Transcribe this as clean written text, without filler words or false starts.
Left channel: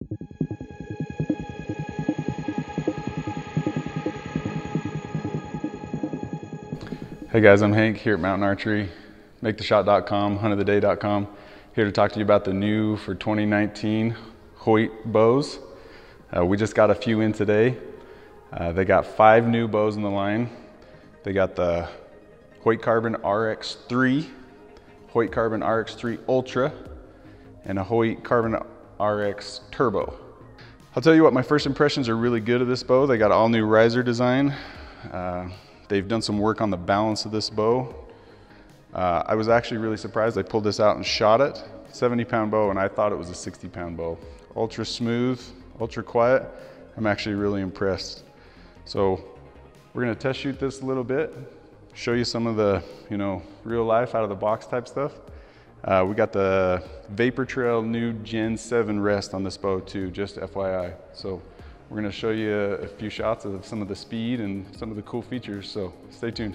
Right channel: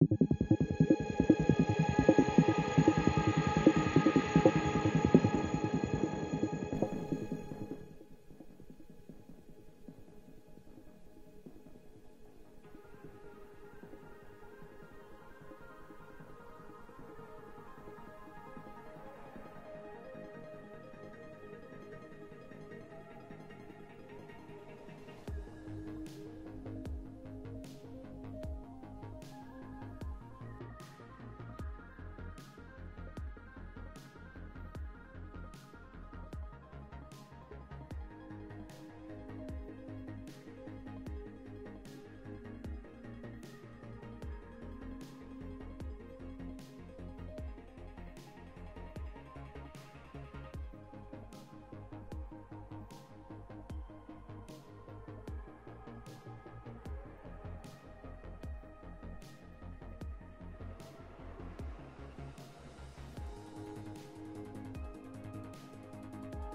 Hey guys, I'm Hank here at Mountain Archery, MakeTheShot.com, HuntOfTheDay.com. Here to talk to you about the new for 2019 Hoyt bows. We just got a few in today. They got 5 new bows in the line. They got the Hoyt RX3, Hoyt RX3 Ultra, and a Hoyt RX Turbo. I'll tell you what, my first impressions are really good of this bow. They got all new riser design. They've done some work on the balance of this bow. I was actually really surprised. I pulled this out and shot it. 70-pound bow, and I thought it was a 60-pound bow. Ultra smooth, ultra quiet. I'm actually really impressed. So we're gonna test shoot this a little bit, show you some of the, real life out of the box type stuff. We got the Vapor Trail new Gen 7 rest on this bow too, just FYI. So we're gonna show you a few shots of some of the speed and some of the cool features, so stay tuned.